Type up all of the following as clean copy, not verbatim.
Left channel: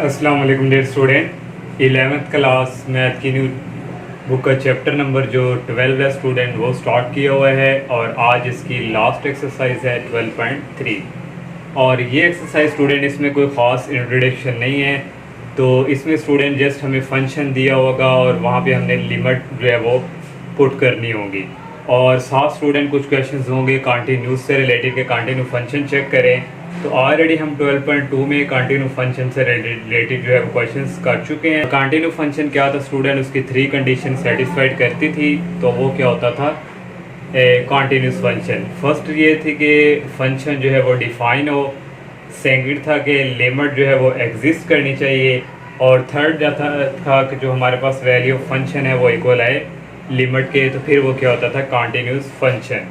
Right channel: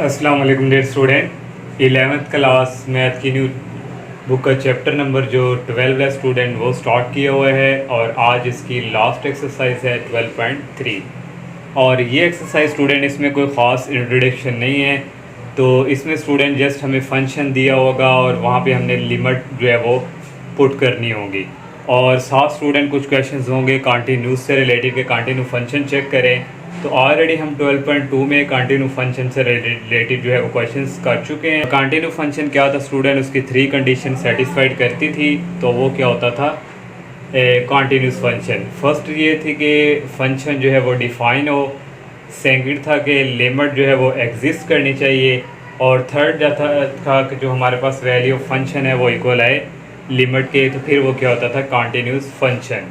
अस्सलाम वालेकुम dear student. 11th class math की न्यू बुक का चैप्टर नंबर जो 12 है स्टूडेंट वो स्टार्ट किया हुआ है और आज इसकी लास्ट एक्सरसाइज है 12.3। और ये एक्सरसाइज स्टूडेंट इसमें कोई ख़ास इंट्रोडक्शन नहीं है, तो इसमें स्टूडेंट जस्ट हमें फंक्शन दिया होगा और वहाँ पे हमने लिमिट जो है वो पुट करनी होगी। और साथ स्टूडेंट कुछ क्वेश्चंस होंगे कंटिन्यूस से रिलेटेड के कंटिन्यू फंक्शन चेक करें। तो ऑलरेडी हम 12.2 में कंटिन्यू फंक्शन से रिलेटेड जो है वो क्वेश्चंस कर चुके हैं। कंटिन्यू फंक्शन क्या था स्टूडेंट, उसकी 3 कंडीशन सेटिस्फाइड करती थी। तो वो क्या होता था कंटिन्यूस फंक्शन। फर्स्ट ये थी कि फंक्शन जो है वो डिफाइन हो, सेकंड था कि लिमिट जो है वो एग्जिस्ट करनी चाहिए, और थर्ड था कि जो हमारे पास वैल्यू ऑफ फंक्शन है वो इक्वल है लिमिट के। तो फिर वो क्या होता था कंटिन्यूस फंक्शन।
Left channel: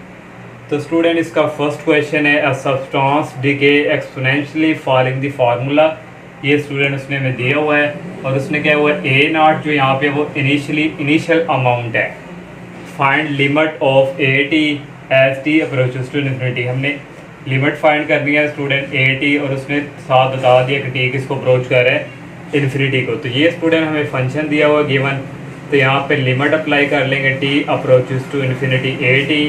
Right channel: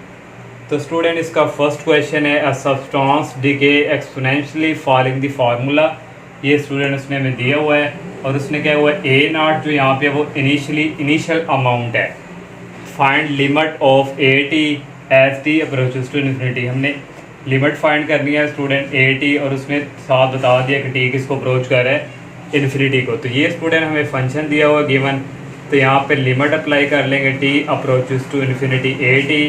तो स्टूडेंट इसका फर्स्ट क्वेश्चन है a substance decay exponentially following the formula. ये स्टूडेंट उसने हमें दिया हुआ है और उसने क्या हुआ ए नॉट जो यहाँ पे वो इनिशियल अमाउंट है। Find limit of A T as T approaches to infinity. हमने लिमिट फाइंड करनी है स्टूडेंट ए टी, और उसने साथ बता दिया कि टी किसको अप्रोच कर रहा है इन्फिनिटी को। तो ये स्टूडेंट हमें फंक्शन दिया हुआ गिवन, तो यहाँ पे लिमिट अप्लाई कर लेंगे T approaches to infinity A T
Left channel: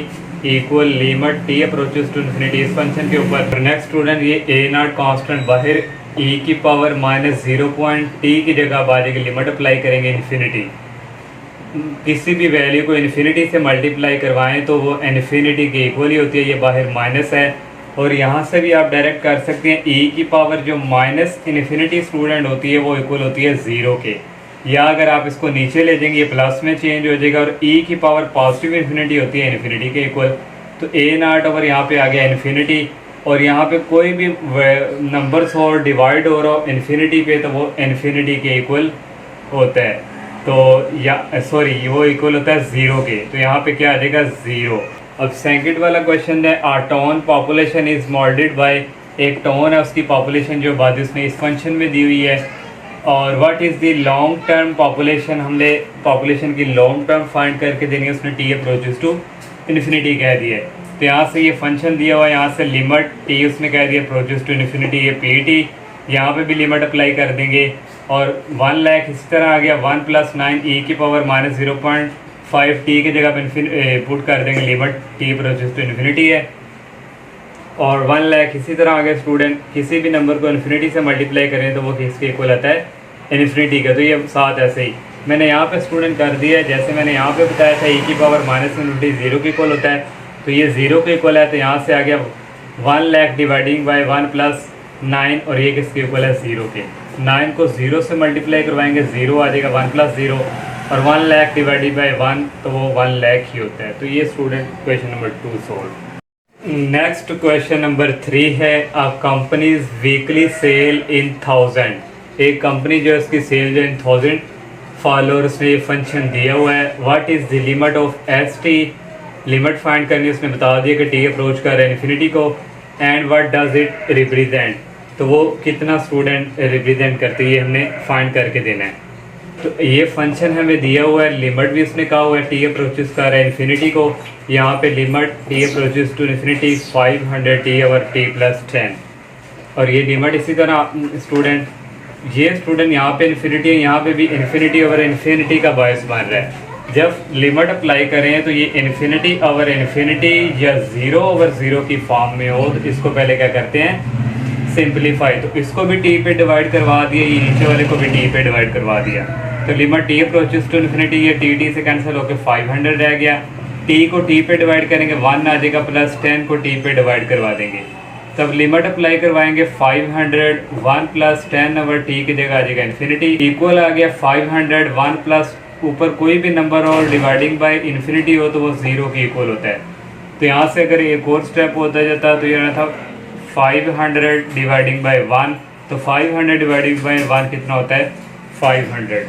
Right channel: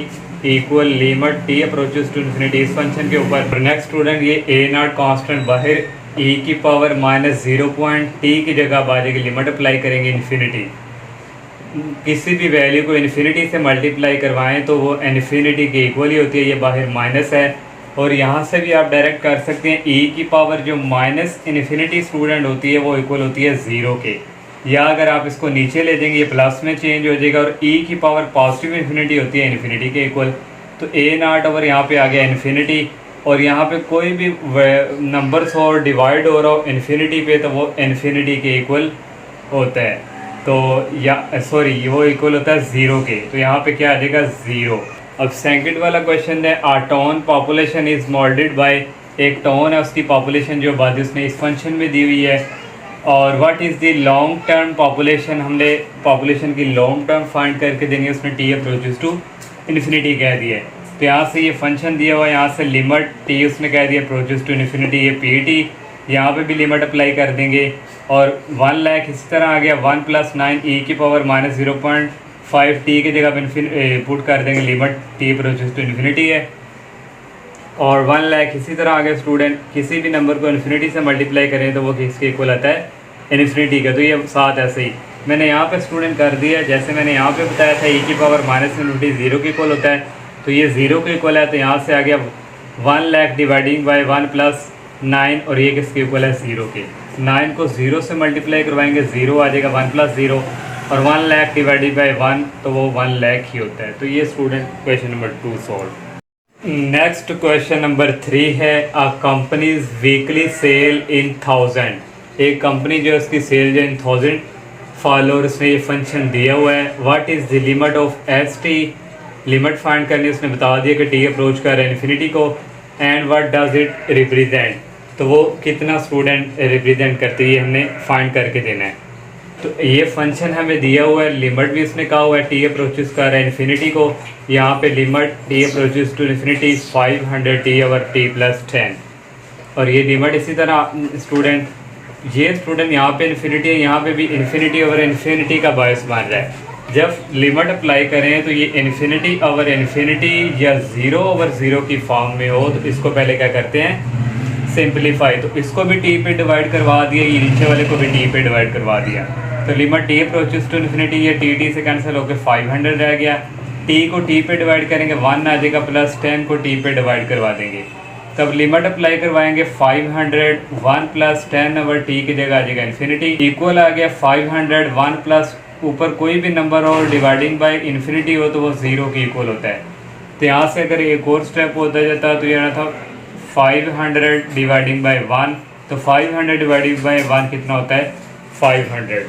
equal limit T approaches to infinity इस फंक्शन के ऊपर। नेक्स्ट स्टूडेंट ये ए नॉट कॉन्स्टेंट बाहर ई की पावर -0 टी की जगह आ जाएगी, लिमिट अप्लाई करेंगे इन्फिनिटी। किसी भी वैल्यू को इन्फिनिटी से मल्टीप्लाई करवाएं तो वो इन्फिनिटी के इक्वल ही होती है। ये बाहर माइनस है, और यहाँ से भी आप डायरेक्ट कर सकते हैं ई की पावर जो माइनस इन्फिनिटी स्टूडेंट होती है वो इक्वल होती है 0 के। या अगर आप इसको नीचे ले देंगे ये प्लस में चेंज हो जाएगा, और ई की पावर पॉजिटिव इन्फिनिटी होती है इन्फिनिटी के इक्वल। तो ए नॉट ओवर यहाँ पे आ गया इन्फिनिटी, और यहाँ पे कोई भी नंबर्स हो डिवाइड हो रहा हो इन्फिनिटी पे तो वो इन्फिनिटी के इक्वल होता है। तो या सॉरी वो इक्वल होता है 0 के। तो यहाँ पे क्या आ जाएगा 0। अब सेकंड वाला क्वेश्चन है a town population is modelled by. एक टोन है उसकी पॉपुलेशन जो आबादी उसने इस फंक्शन में दी हुई है। और what is the long term population, हमने पॉपुलेशन की लॉन्ग टर्म फाइंड करके देंगे, उसने टी अप्रोचेस टू इन्फिनिटी कह दिया है। तो यहाँ से ये फंक्शन दिया हुआ है, यहाँ से लिमिट टी उसने कह दिया अप्रोचेस टू इन्फिनिटी, ये पी टी यहाँ पे भी लिमिट अप्लाई कर देंगे। और 1 लाख इस तरह आ गया 1 + 9 ई की पावर -0.5 टी की जगह पे पुट कर देंगे limit T approaches to infinity है। और 1 लाख इसी तरह आगे स्टूडेंट किसी भी नंबर को इन्फिनिटी से मल्टीप्लाई करें तो वो किसके इक्वल आता है इन्फिनिटी का। तो ये साथ ऐसे ही मैंने यहाँ पे स्टूडेंट कर दिया है, जैसे मैंने यहाँ पे बताया था ई की पावर -इन्फिनिटी 0 के इक्वल होता है, तो ये 0 के इक्वल है। तो यहाँ से आ गया 1 लाख डिवाइडिंग बाय 1 + 9, और ये किसके इक्वल है 0 के। 9 को 0 से मल्टीप्लाई करवाएंगे 0 आ जाएगा 1 + 0, और 1 लाख डिवाइडेड बाय 1 तो वो 1 लाख ही होता है। तो ये student question number 2 solve. Next question number 3 है अ कंपनीज वीकली सेल इन 1000। एक कंपनी जो है उसकी सेल जो इन 1000 फॉलोअर्स ने ये फंक्शन दिया हुआ है। What is the limit of S T, limit find करनी उसने बता दिया कि टी अप्रोच कर रहा है इन्फिनिटी को। And what does it represent, तो वो कितना स्टूडेंट रिप्रेजेंट करती है हमने फाइंड करके देना है। तो ये फंक्शन हमें दिया हुआ है, लिमिट भी इसने कहा हुआ है टी अप्रोचेस कर रहा है इन्फिनिटी को। यहाँ पे limit T approaches to infinity 500 T over T + 10, और ये लिमिट इसी तरह स्टूडेंट ये स्टूडेंट यहाँ पे इन्फिनिटी है, यहाँ पे भी इन्फिनिटी ओवर इन्फिनिटी का बायस बन रहा है। जब लिमिट अप्लाई करें तो ये इन्फिनिटी ओवर इन्फिनिटी या 0 ओवर 0 की फॉर्म में हो, तो इसको पहले क्या करते हैं सिंप्लीफाई। तो इसको भी टी पे डिवाइड करवा दिया, ये नीचे वाले को भी टी पे डिवाइड करवा दिया। तो limit T approaches to infinity ये टी से कैंसिल होकर 500 रह गया। टी को टी पे डिवाइड करेंगे 1 आ जाएगा, प्लस 10 को टी पे डिवाइड करवा देंगे। तब लिमिट अप्लाई करवाएंगे 500 1 + 10 ओवर टी की जगह आ जाएगा इन्फिनिटी इक्वल आ गया 500 1 प्लस ऊपर कोई भी नंबर और डिवाइडिंग बाय इन्फिनिटी हो तो वो 0 के इक्वल होता है। तो यहाँ से अगर एक और स्टेप होता जाता तो यहाँ था 500 डिवाइडिंग बाय 1, तो 500 डिवाइडिंग बाय 1 कितना होता है 500।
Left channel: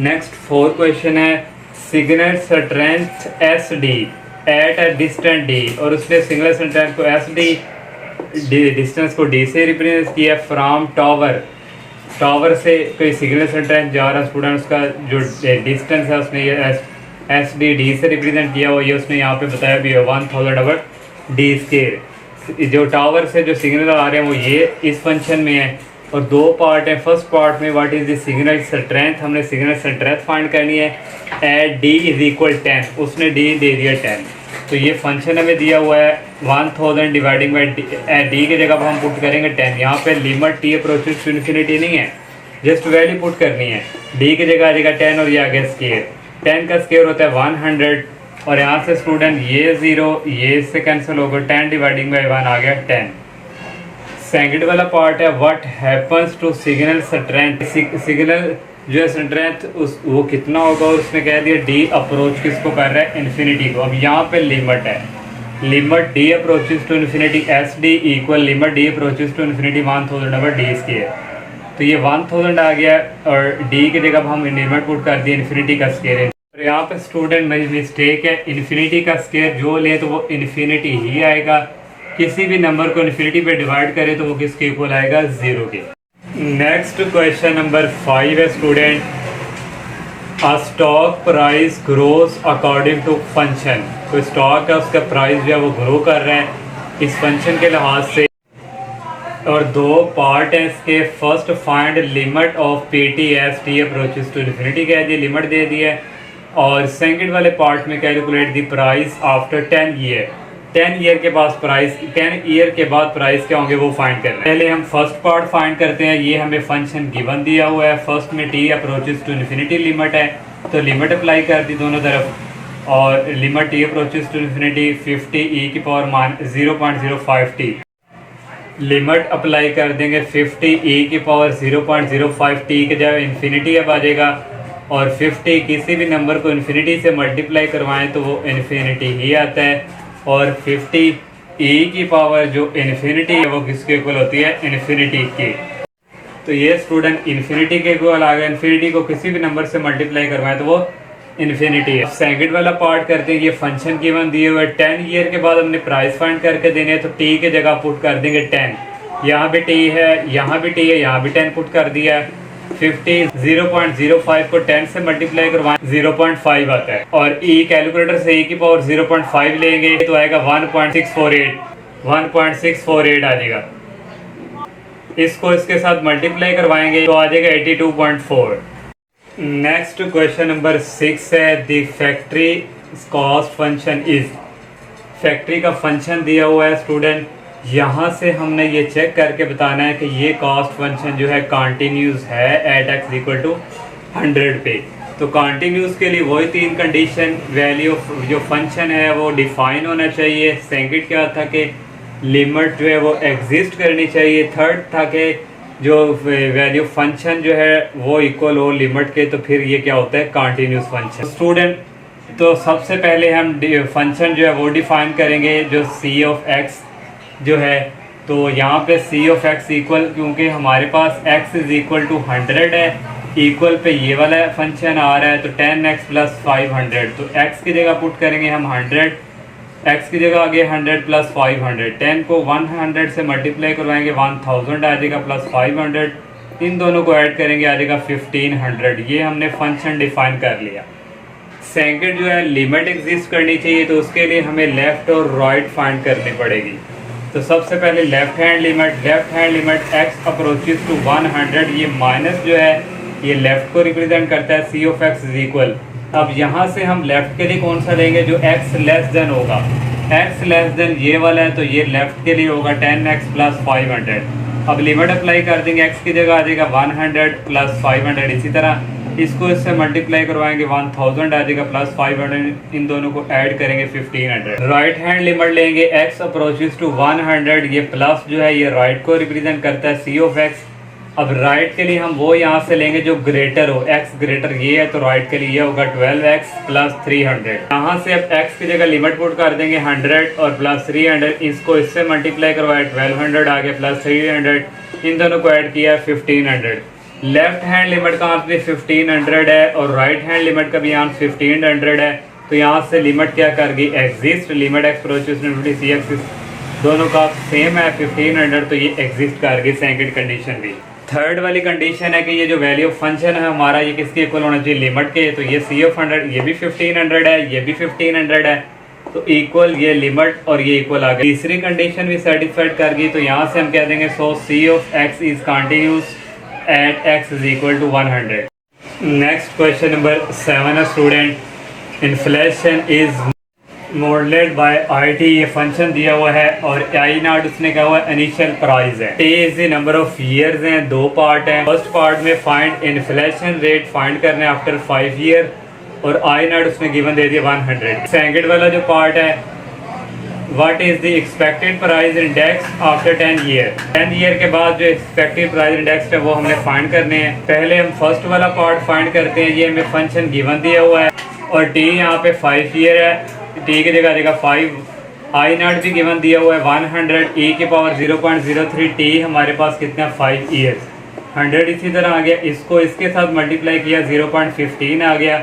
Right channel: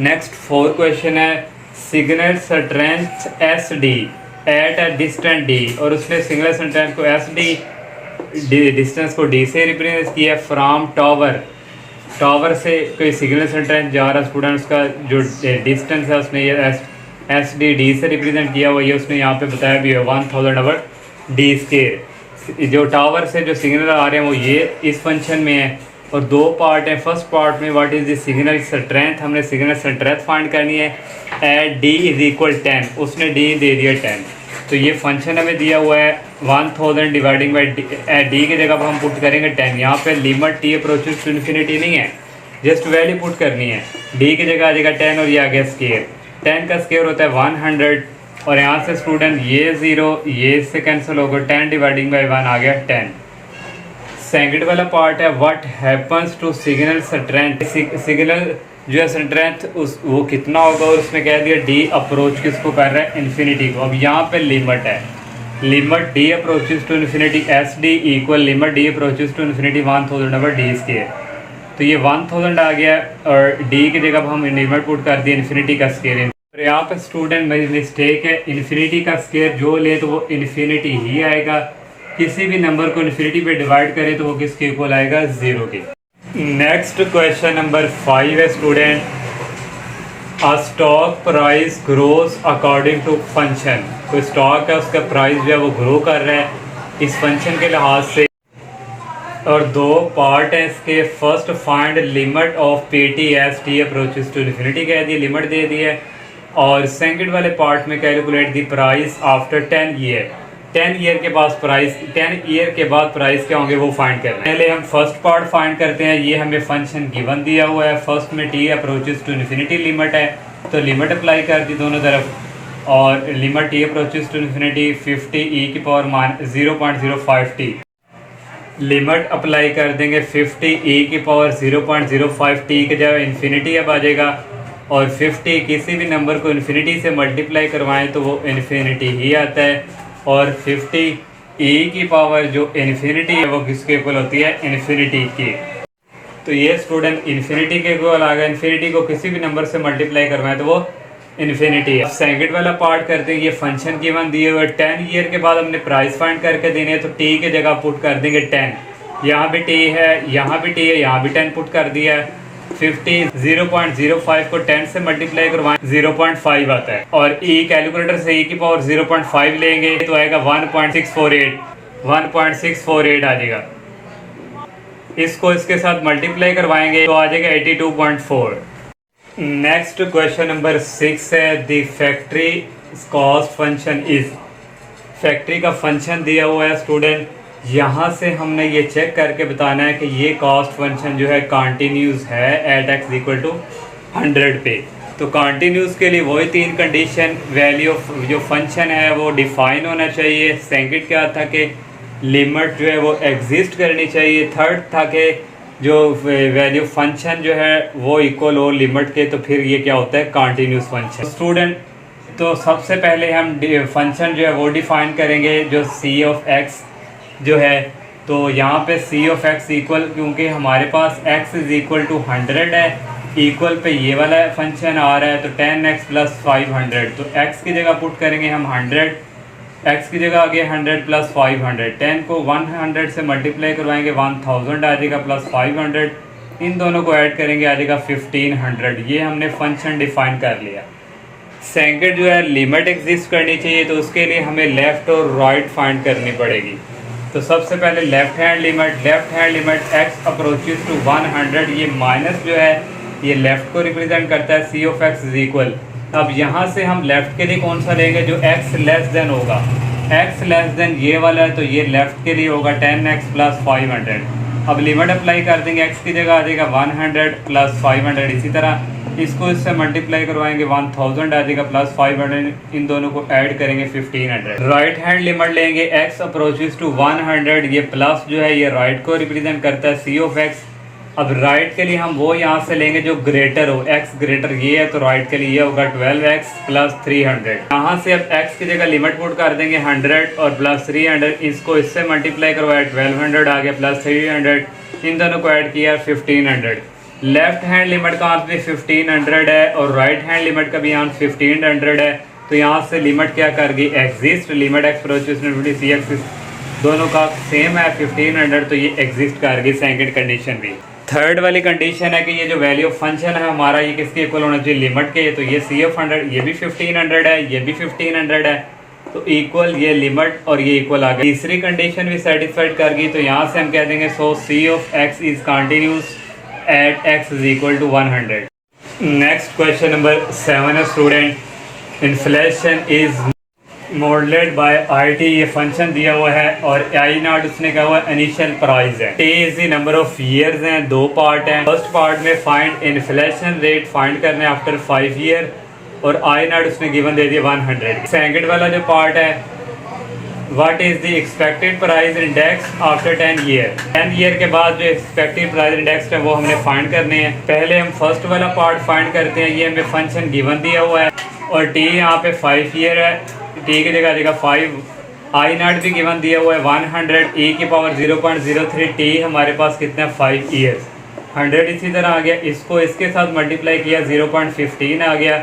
नेक्स्ट 4 क्वेश्चन है signal strength S D at a distant D, और उसने सिग्नल स्ट्रेंथ को एस डी डिस्टेंस को डी से रिप्रेजेंट किया फ्रॉम टावर से कोई सिग्नल स्ट्रेंथ जा रहा स्टूडेंट, उसका जो डिस्टेंस है उसने ये एस डी से रिप्रेजेंट किया हुआ, ये उसने यहाँ पे बताया भी है 1000 ओवर डी स्केयर। जो टावर से जो सिग्नल आ रहे हैं वो ये इस फंक्शन में है, और दो पार्ट हैं। फर्स्ट पार्ट में what is the signal strength, हमने सिग्नल स्ट्रेंथ फाइंड करनी है एट डी इज इक्वल 10, उसने डी दे दिया 10। तो ये फंक्शन हमें दिया हुआ है 1000 डिवाइडिंग बाई डी की जगह हम पुट करेंगे 10। यहाँ पे limit T approaches to infinity नहीं है, जस्ट वैल्यू पुट करनी है। डी की जगह आ जाएगा 10 और ये आ गया स्केयर, 10 का स्केयर होता है 100 और यहाँ से स्टूडेंट ये 0 ये इससे कैंसिल होगा, 10 डिवाइडिंग बाई 1 आ गया 10। सेकंड वाला पार्ट है what happens to signal strength, signal जो है स्ट्रेंथ उस वो कितना होगा, उसने कह दिया डी अप्रोच किसको कर रहा है इन्फिनिटी को। अब यहाँ पे लिमिट है, limit D approaches to infinity S D equal limit D approaches to infinity 1000 over D square. तो ये 1000 आ गया और डी की जगह हम लिमिट पुट कर दिए इन्फिनिटी का स्केयर। तो यहाँ पे स्टूडेंट मेरी मिस्टेक है, इन्फिनिटी का स्केयर जो ले तो वो इन्फिनिटी ही आएगा, किसी भी नंबर को इन्फिनिटी पे डिवाइड करें तो वो किसके इक्वल आएगा, 0 के। नेक्स्ट क्वेश्चन नंबर 5 है student, a stock price grows according to function. कोई स्टॉक है उसका प्राइस जो है वो ग्रो कर रहा है इस फंक्शन के लिहाज से, और दो पार्ट है इसके। First find limit of P T as T approaches to infinity कह दी, लिमिट दे दी है। और सेकंड वाले पार्ट में calculate the price after 10 year, 10 year के पास प्राइस, 10 ईयर के बाद प्राइस क्या होंगे वो फाइंड करना है। पहले हम फर्स्ट पार्ट फाइंड करते हैं। ये हमें फंक्शन गिवन दिया हुआ है, फर्स्ट में T approaches to infinity limit है तो लिमिट अप्लाई कर दी दोनों तरफ, और limit T approaches to infinity 50 E की पावर 0.05 टी, लिमिट अप्लाई कर देंगे 50 ई की पावर 0.05 टी के जगह इन्फिनिटी अब आ जाएगा, और 50 किसी भी नंबर को इन्फिनिटी से मल्टीप्लाई करवाएं तो वो इन्फिनिटी ही आता है, और 50 ई की पावर जो इन्फिनिटी है वो किसके इक्वल होती है, इन्फिनिटी की। तो ये स्टूडेंट इन्फिनिटी के इक्वल आ गया, इन्फिनिटी को किसी भी नंबर से मल्टीप्लाई करवाएं तो वो इन्फिनिटी है। सेकंड वाला पार्ट करते हैं, ये फंक्शन गिवन दिए हुए 10 ईयर के बाद हमने प्राइस फाइंड करके देने हैं, तो टी की जगह पुट कर देंगे 10, यहाँ भी टी है यहाँ भी टी है, यहाँ भी 10 पुट कर दिया है। 50 0.05 को 10 से मल्टीप्लाई करवाएं 0.5 आता है, और ई कैलकुलेटर से ई की पावर 0.5 लेंगे तो आएगा 1.648 आ जाएगा। इसको इसके साथ मल्टीप्लाई करवाएंगे तो आ जाएगा 82.4। नेक्स्ट क्वेश्चन नंबर 6 है, the factory cost function is. Factory का फंक्शन दिया हुआ है स्टूडेंट, यहाँ से हमने ये चेक करके बताना है कि ये कॉस्ट फंक्शन जो है कॉन्टिन्यूस है एट एक्स इक्वल टू 100 पे। तो कॉन्टिन्यूस के लिए वही 3 कंडीशन, वैल्यू जो फंक्शन है वो डिफाइन होना चाहिए, सेकंड क्या था कि लिमिट जो है वो एग्जिस्ट करनी चाहिए, थर्ड था कि जो वैल्यू फंक्शन जो है वो इक्वल हो लिमिट के, तो फिर ये क्या होता है, कॉन्टिन्यूस फंक्शन। स्टूडेंट तो सबसे पहले हम फंक्शन जो है वो डिफाइन करेंगे, जो सी ऑफ एक्स जो है, तो यहाँ पे सी ऑफ एक्स इक्वल, क्योंकि हमारे पास x इज इक्वल टू 100 है, इक्वल पे ये वाला फंक्शन आ रहा है तो 10x प्लस 500, तो x की जगह पुट करेंगे हम 100, x की जगह आ गया 100 प्लस 500, 10 को 100 से मल्टीप्लाई करवाएंगे 1000 आ जाएगा प्लस 500, इन दोनों को ऐड करेंगे आ जाएगा 1500। ये हमने फंक्शन डिफाइन कर लिया। सेकंड जो है लिमिट एग्जिस्ट करनी चाहिए, तो उसके लिए हमें लेफ्ट और राइट फाइंड करनी पड़ेगी। तो सबसे पहले left hand limit x approaches to 100, ये माइनस जो है ये लेफ्ट को रिप्रेजेंट करता है, सी ऑफ एक्स इज इक्वल। अब यहाँ से हम लेफ्ट के लिए कौन सा लेंगे, जो x लेस देन होगा, x लेस देन ये वाला है तो ये लेफ्ट के लिए होगा 10x प्लस 500। अब लिमिट अप्लाई कर देंगे, x की जगह आ जाएगा 100 प्लस 500, इसी तरह इसको इससे मल्टीप्लाई करवाएंगे 1000 आ जाएगा प्लस 500, इन दोनों को ऐड करेंगे 1500। राइट हैंड लिमिट लेंगे, x अप्रोचेस टू 100, ये प्लस जो है ये राइट को रिप्रेजेंट करता है, सी ऑफ एक्स। अब राइट के लिए हम वो यहाँ से लेंगे जो ग्रेटर हो, x ग्रेटर ये है तो राइट के लिए ये होगा 12x प्लस 300। यहाँ से अब x की जगह लिमिट पुट कर देंगे 100 और प्लस 300, इसको इससे मल्टीप्लाई करवाया 1200 आ गया प्लस 300, इन दोनों को ऐड किया 1500। लेफ्ट हैंड लिमिट का आंसर 1500 है और राइट हैंड लिमिट का भी आंसर 1500 है, तो यहाँ से लिमिट क्या कर गई, exist, limit X approaches to C X दोनों का सेम है 1500, तो ये एग्जिस्ट कर गई सेकंड कंडीशन भी। थर्ड वाली कंडीशन है कि ये जो वैल्यू फंक्शन है हमारा ये किसके इक्वल होना चाहिए, लिमिट के, तो ये सी ऑफ 100 ये भी 1500 है, ये भी 1500 है, तो इक्वल ये लिमिट और ये इक्वल आ गया। तीसरी कंडीशन भी सेटिस्फाइड कर गई, तो यहाँ से हम कह देंगे so C of X is continuous at X is equal to 100। Next question number 7 है student, inflation is modelled by I T. ये फंक्शन दिया हुआ है और आई नॉट उसने कहा हुआ इनिशियल प्राइस है। T is the number of years हैं, दो पार्ट हैं। फर्स्ट पार्ट में फाइंड इन्फ्लेशन रेट फाइंड करने आफ्टर 5 ईयर और आई नॉट उसने गिवन दे दिया 100। सेकंड वाला जो पार्ट है, what is the expected price index after 10 year. 10 year के बाद जो एक्सपेक्टेड प्राइस इंडेक्स है वो हमने फाइंड करने हैं। पहले हम फर्स्ट वाला पार्ट फाइंड करते हैं। ये हमें फंक्शन गिवन दिया हुआ है और टी यहाँ पे 5 ईयर है, टी की जगह देगा 5। आई नॉट भी गिवन दिया हुआ है 100, e की पावर 0.03, टी हमारे पास कितना है 5 ईयर्स। 100 इसी तरह आ गया, इसको इसके साथ मल्टीप्लाई किया 0.15 आ गया।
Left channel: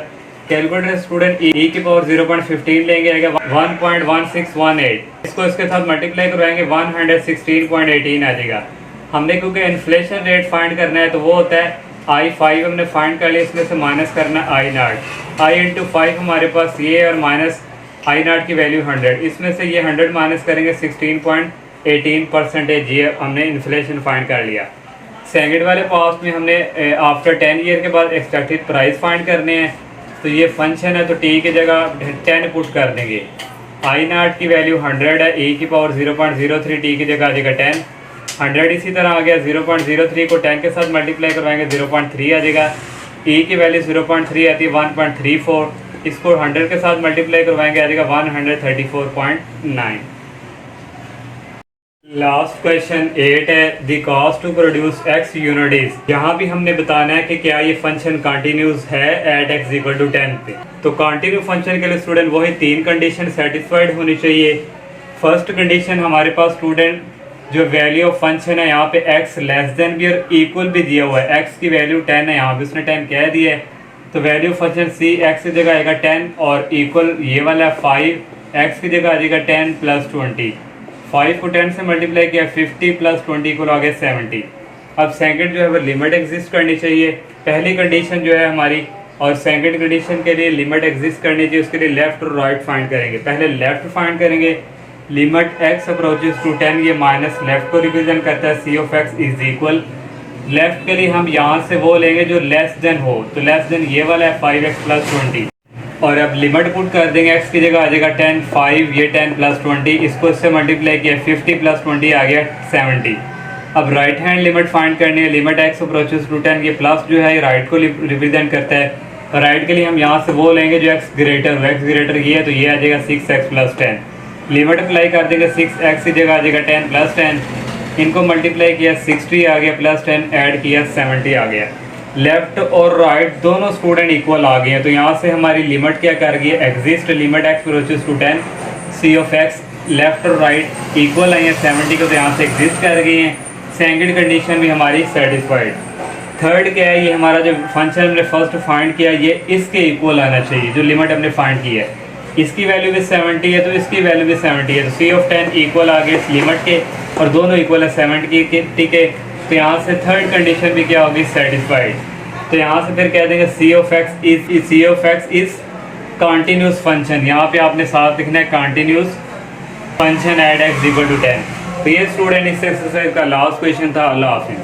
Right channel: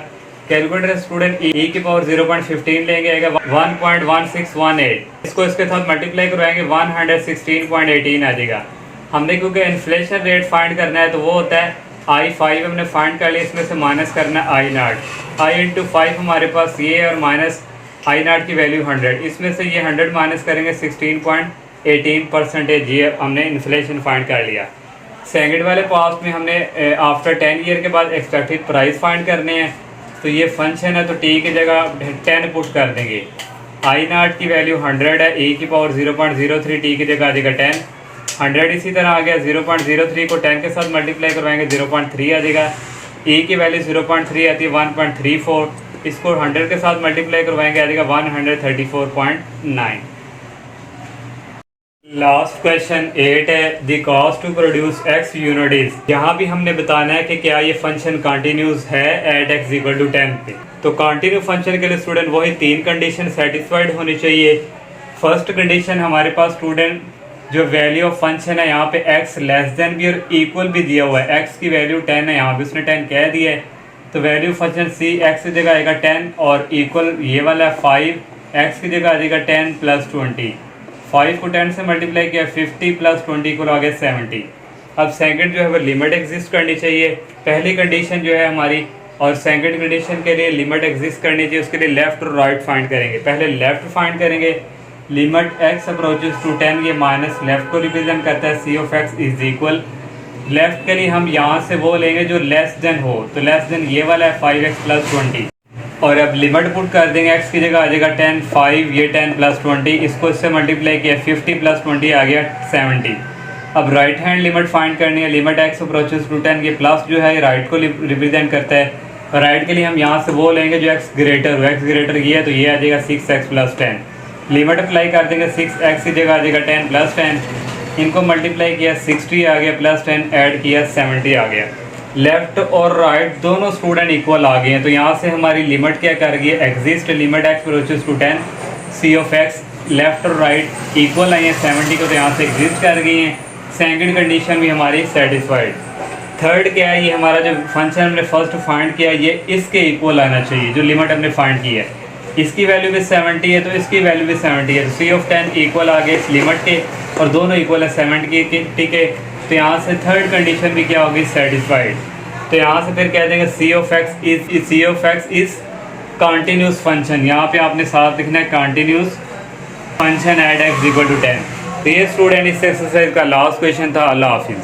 कैलकुलेटर स्टूडेंट e की पावर 0.15 लेंगे आएगा 1.1618, इसको इसके साथ मल्टीप्लाई करवाएंगे 116.18 आ जाएगा। हमने क्योंकि इन्फ्लेशन रेट फाइंड करना है तो वो होता है I5 हमने फाइंड कर लिया, इसमें से माइनस करना आई नॉट। आई इंटू 5 हमारे पास ये और माइनस आई नॉट की वैल्यू 100, इसमें से ये 100 माइनस करेंगे 16.18%। ये हमने इन्फ्लेशन फाइंड कर लिया। सेकंड वाले पार्ट में हमने आफ्टर 10 ईयर के बाद एक्सपेक्टेड प्राइस फाइंड करने हैं। तो ये फंक्शन है तो टी की जगह 10 पुट कर देंगे। आई नॉट की वैल्यू 100 है, e की पावर 0.03, टी की जगह आ जाएगा 10। 100 इसी तरह आ गया, 0.03 को 10 के साथ मल्टीप्लाई करवाएंगे 0.3 आ जाएगा। e की वैल्यू 0.3 आती है 1.34, इसको 100 के साथ मल्टीप्लाई करवाएंगे आ जाएगा 134.9। लास्ट क्वेश्चन 8 है, the cost to produce x unit. यहाँ भी हमने बताना है कि क्या ये फंक्शन कंटिन्यूस है एट x इक्वल टू 10 पे। तो कंटिन्यू फंक्शन के लिए स्टूडेंट वही 3 कंडीशन सेटिस्फाइड होनी चाहिए। फर्स्ट कंडीशन हमारे पास स्टूडेंट जो वैल्यू ऑफ फंक्शन है यहाँ पे x लेस देन भी और इक्वल भी दिया हुआ है। x की वैल्यू 10 है, यहाँ पे उसने 10 कह दिया है, तो वैल्यू फंक्शन c x की जगह आएगा 10 और इक्वल ये वाला 5, x की जगह आ जाएगा 10 प्लस 20। 5 को 10 से मल्टीप्लाई किया 50 प्लस 20 को आ गया 70। अब सेकंड जो है वो लिमिट एग्जिस्ट करनी चाहिए। पहली कंडीशन जो है हमारी, और सेकंड कंडीशन के लिए लिमिट एग्जिस्ट करनी चाहिए, उसके लिए लेफ्ट और राइट फाइंड करेंगे। पहले लेफ्ट फाइंड करेंगे, लिमिट x अप्रोचेस टू 10, ये माइनस लेफ्ट को रिप्रेजेंट करता है, c of x is equal. Left के लिए हम यहाँ से वो लेंगे जो लेस देन हो, तो लेस देन ये वाला है 5x प्लस 20। और अब लिमिट पुट कर देंगे, x की जगह आ जाएगा 10, 5 ये 10 प्लस 20, इसको इससे मल्टीप्लाई किया 50 प्लस 20 आ गया 70। अब राइट हैंड लिमिट फाइंड करनी है, लिमिट x अप्रोचेस टू 10, ये प्लस जो है राइट को रिप्रेजेंट करता है। राइट के लिए हम यहाँ से वो लेंगे जो x ग्रेटर हो, x ग्रेटर ये है तो ये आ जाएगा 6x प्लस 10। लिमिट अप्लाई कर देंगे, 6x की जगह आ जाएगा 10 प्लस 10, इनको मल्टीप्लाई किया 60 आ गया प्लस 10 ऐड किया 70 आ गया। लेफ्ट और राइट दोनों स्टूडेंट इक्वल आ गए हैं, तो यहाँ से हमारी लिमिट क्या कर गई है, exist limit x approaches to 10, c of x left और राइट इक्वल आई है 70 को, तो यहाँ से एग्जिस्ट कर गई हैं। सेकंड कंडीशन भी हमारी सेटिस्फाइड। थर्ड क्या है, ये हमारा जो फंक्शन हमने फर्स्ट फाइंड किया ये इसके इक्वल आना चाहिए, जो लिमिट हमने फाइंड की है। इसकी वैल्यू भी 70 है तो इसकी वैल्यू भी 70 है, तो c ऑफ 10 इक्वल आ गया इस लिमिट के और दोनों इक्वल है 70 के, ठीक है। तो यहाँ से थर्ड कंडीशन भी क्या होगी, सेटिस्फाइड। तो यहाँ से फिर कह देंगे c of x is continuous function, यहाँ पे आपने साथ लिखना है continuous function at x equal to 10। तो ये स्टूडेंट इस एक्सरसाइज का लास्ट क्वेश्चन था। अल्लाह हाफिज़।